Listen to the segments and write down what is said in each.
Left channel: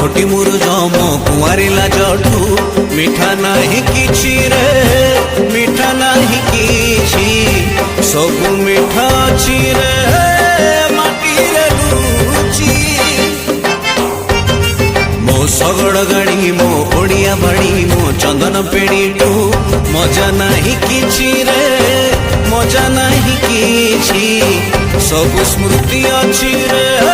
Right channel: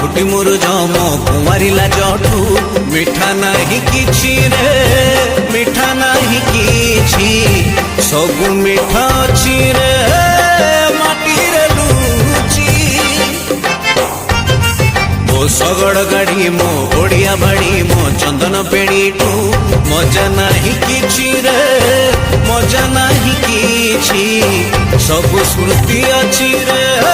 छोटी मोर जम कुआरिला जठू मिठा नहीं किछि रे मिठा नहीं किछि सब मिठा अछि रे माटी रे रुचि मो सगड़ गाड़ी मो ओडिया बाड़ी मो चंदन पेड़ी टू मजा नहीं किछि रे मजा नहीं किछि सब स्मृति अछि रे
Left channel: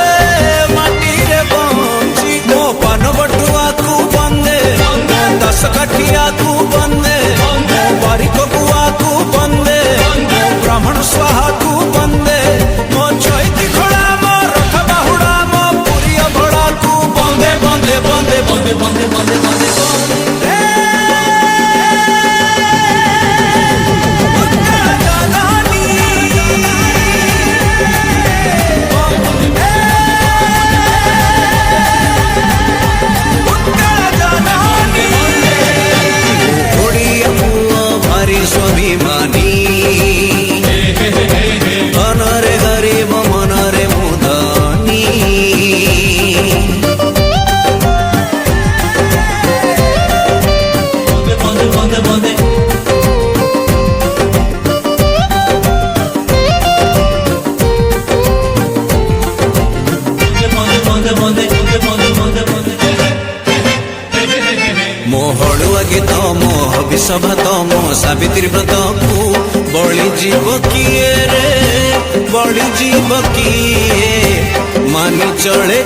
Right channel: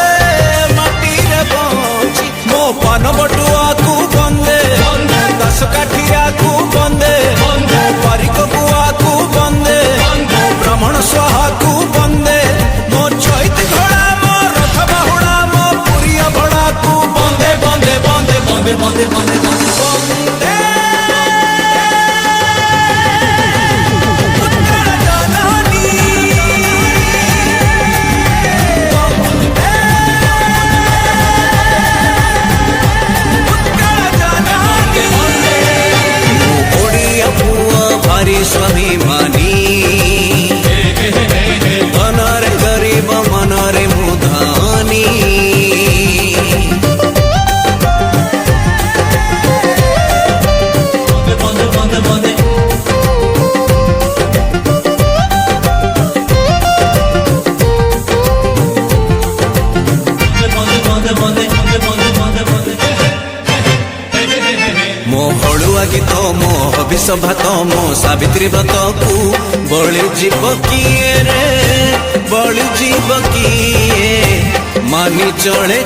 सभा मो सावित्री व्रत को बड़ी जीव किए रे बड़ी जीव किए मांगे चढ़े